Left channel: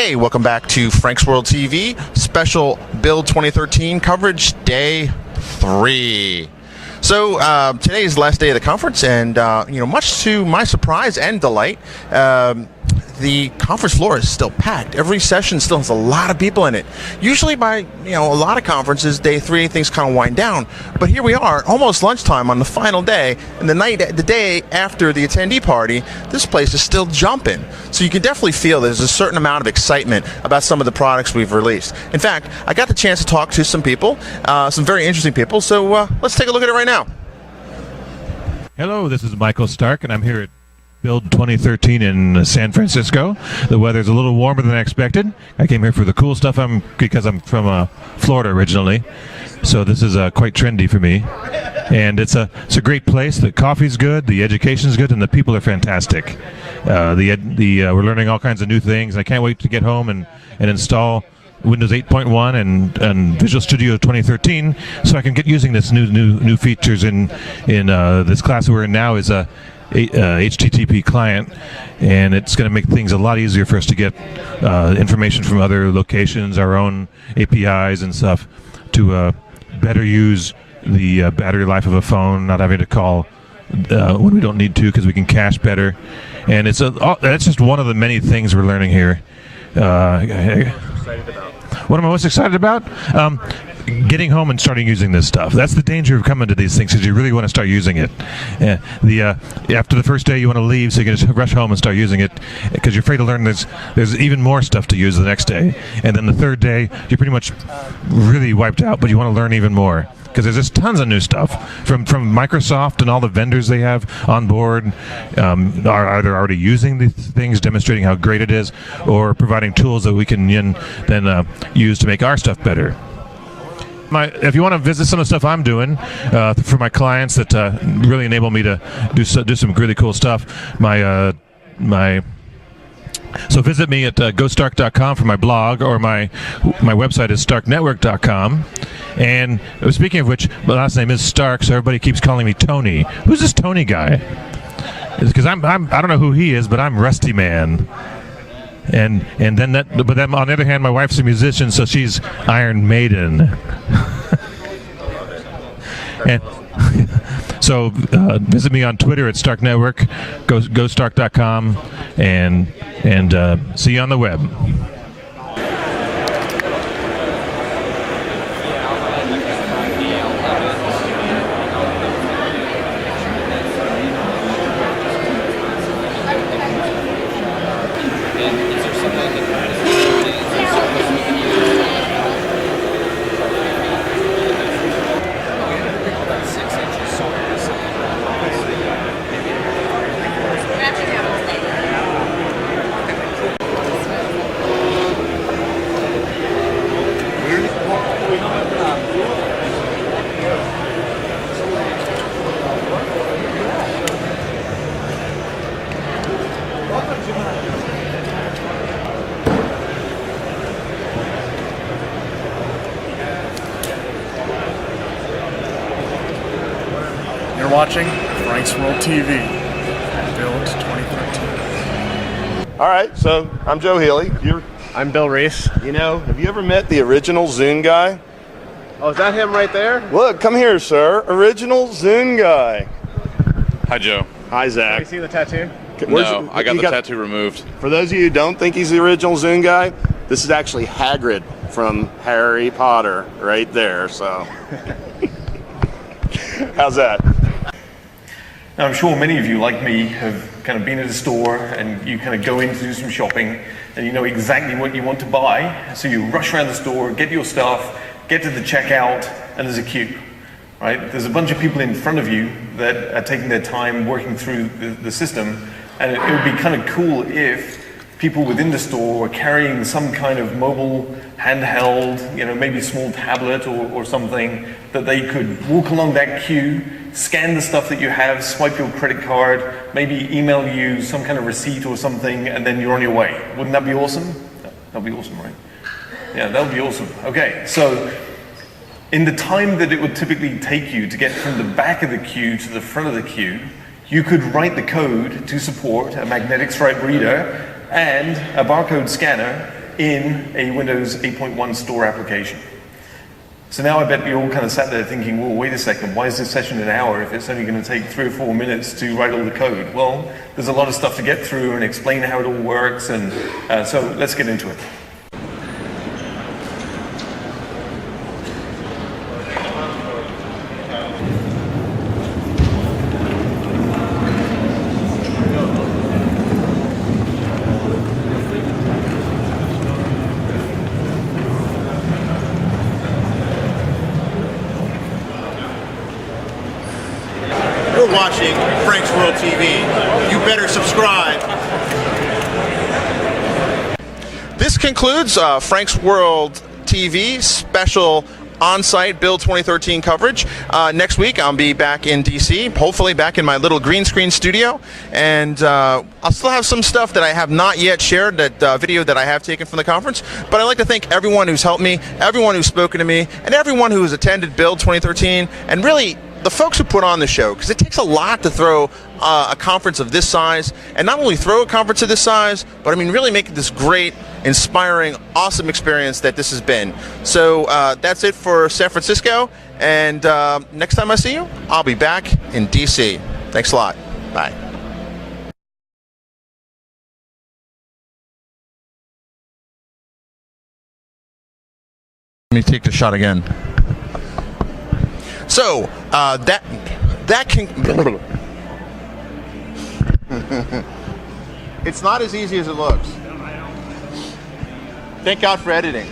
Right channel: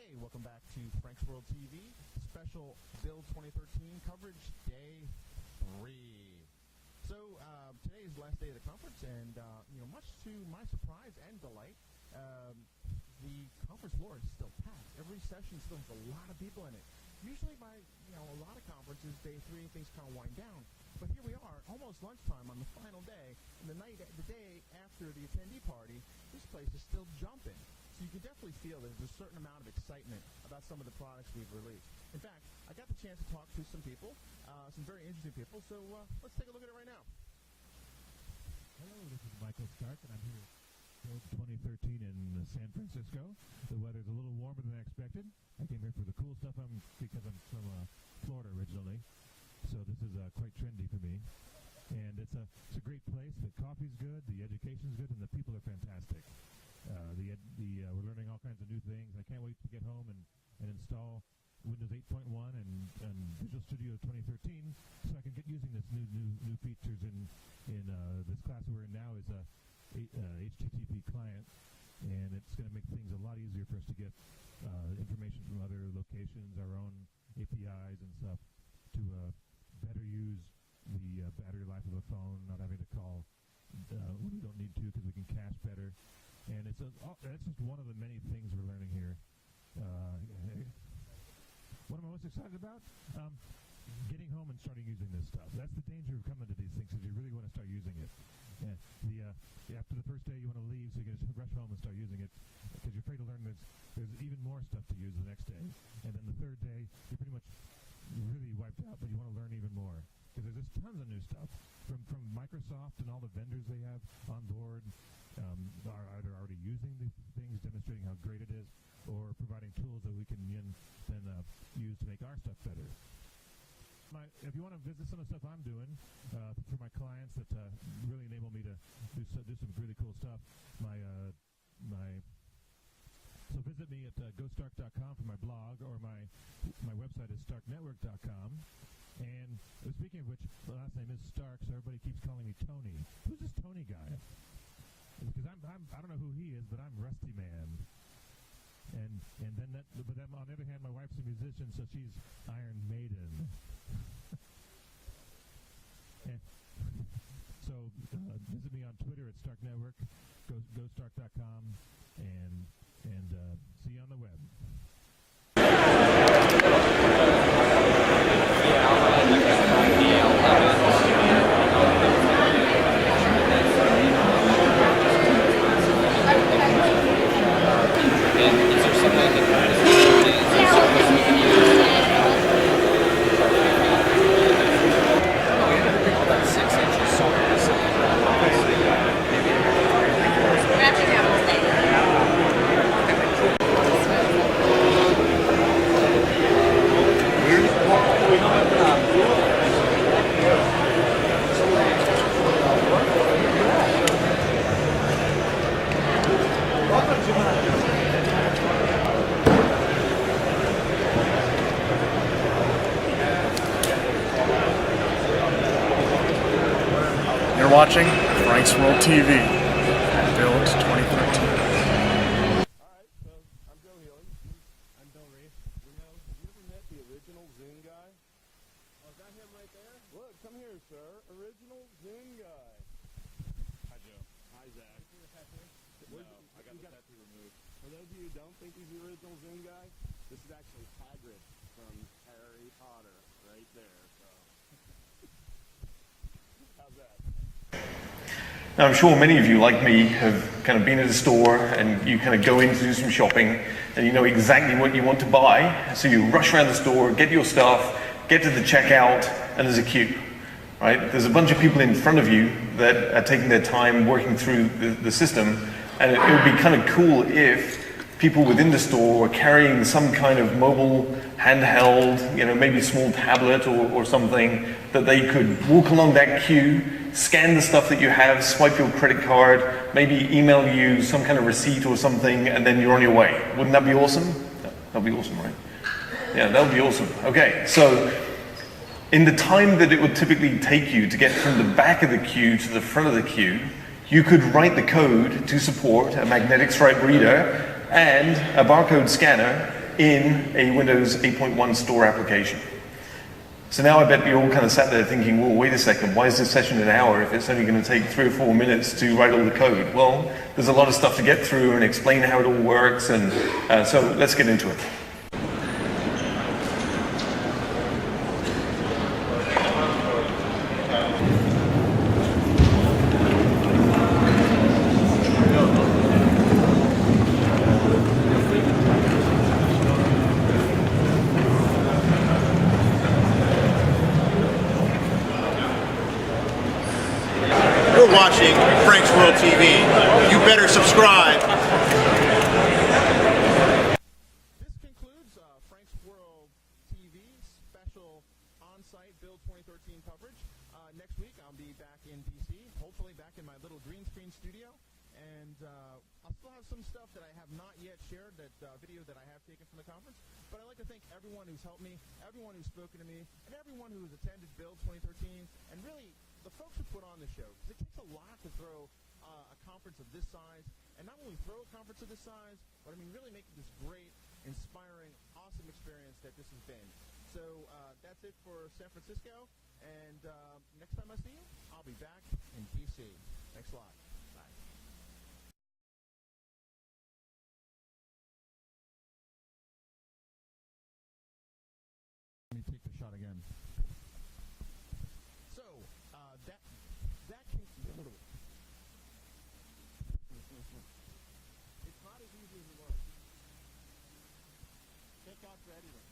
Hey, welcome back to Frank's World TV, special Build 2013 coverage, day 3. So today is the last day of the conference, and much to my surprise and delight, the conference floor is still packed. Every session still has a lot of people in it. Usually by a lot of conferences, day 3, things kind of wind down. But here we are, almost lunchtime on the final day, and the day after the attendee party, this place is still jumping. So you can definitely feel there's a certain amount of excitement about some of the products we've released. In fact, I got the chance to talk to some people, some very interesting people. So let's take a look at it right now. Hello, this is Michael Stark, and I'm here at Build 2013 in San Francisco. The weather's a little warmer than I expected. I came here for the cool stuff because I'm from Florida originally, so this is quite trendy for me. And it's a great place. The coffee's good, the education's good, and the people are fantastic. We're learning all kinds of new things. I can't wait to get home and install Windows 8.1 and Visual Studio 2013, so I can get using this new features in this class we're in now is a HTTP client, and it's going to make things a lot easier for us to get information from other locations, our own APIs and stuff, to better use the battery life of a phone, not having to call when we don't need to because we can cache better. And that's just one of the many things we're learning here. What am I most excited about? Getting home and starting using this stuff. That's the danger of coming to these things, because you really want to start using it. After the first day, you want to leave, so you can just rush home and start using it, because you're afraid to learn there's even more stuff to use the next day. And then the third day, you're pretty much really wiped out, but you want to learn even more, because there's just tons of new stuff from Microsoft, and all the vendors they have on board are either already using these things, demonstrating how great it is, or providing tools that we can then use to make our stuff better. If you want to visit some of the stuff I'm doing for my clients that really enable me to do some really cool stuff, so visit me at gostark.com for my blog, or my website is starknetwork.com. And speaking of which, my last name is Stark, so everybody keeps calling me Tony. Who's this Tony guy? Because I don't know who he is, but I'm Rusty Man. But then on the other hand, my wife's a musician, so she's Iron Maiden. And so visit me on Twitter at Stark Network, gostark.com, and see you on the web. You're watching Frank's World TV, Build 2013. All right, so I'm Joe Healy. I'm Bill Reese. Have you ever met the original Zune guy? Oh, is that him right there? Look, come here, sir. Original Zune guy. Hi, Joe. Hi, Have Zach. you seen the tattoo? No, I got the tattoo removed. For those of you who don't think he's the original Zune guy, this is actually Hagrid from Harry Potter right there, so. How's that? Now, I'm sure many of you, like me, have kind of been at a store and you kind of go in to do some shopping and you know exactly what you want to buy. So you rush around the store, get your stuff, get to the checkout, and there's a queue, right? There's a bunch of people in front of you that are taking their time working through the system, and it would be kind of cool if people within the store were carrying some kind of mobile handheld, maybe a small tablet or something, that they could walk along that queue, scan the stuff that you have, swipe your credit card, maybe email you some kind of receipt or something, and then you're on your way. Wouldn't that be awesome? That'd be awesome, right? Yeah, that would be awesome. Okay, so in the time that it would typically take you to get from the back of the queue to the front of the queue, you could write the code to support a magnetic stripe reader and a barcode scanner in a Windows 8.1 store application. So now I bet you all kind of sat there thinking, well, wait a second, why is this session an hour if it's only going to take 3 or 4 minutes to write all the code? Well, there's a lot of stuff to get through and explain how it all works, and so let's get into it. You're watching Frank's World TV. You better subscribe. This concludes Frank's World TV special on-site Build 2013 coverage. Next week I'll be back in DC, hopefully back in my little green screen studio, and I'll still have some stuff that I have not yet shared, that video that I have taken from the conference, but I'd like to thank everyone who's helped me, everyone who's spoken to me, and everyone who has attended Build 2013, and really the folks who put on the show, because it takes a lot to throw a conference of this size, and not only throw a conference of this size, but I mean really make it this great, inspiring, awesome experience that this has been. So that's it for San Francisco, and next time I see you, I'll be back in DC. Thanks a lot. Bye. Let me take the shot again. So that can. It's not as easy as it looks. Thank God for editing.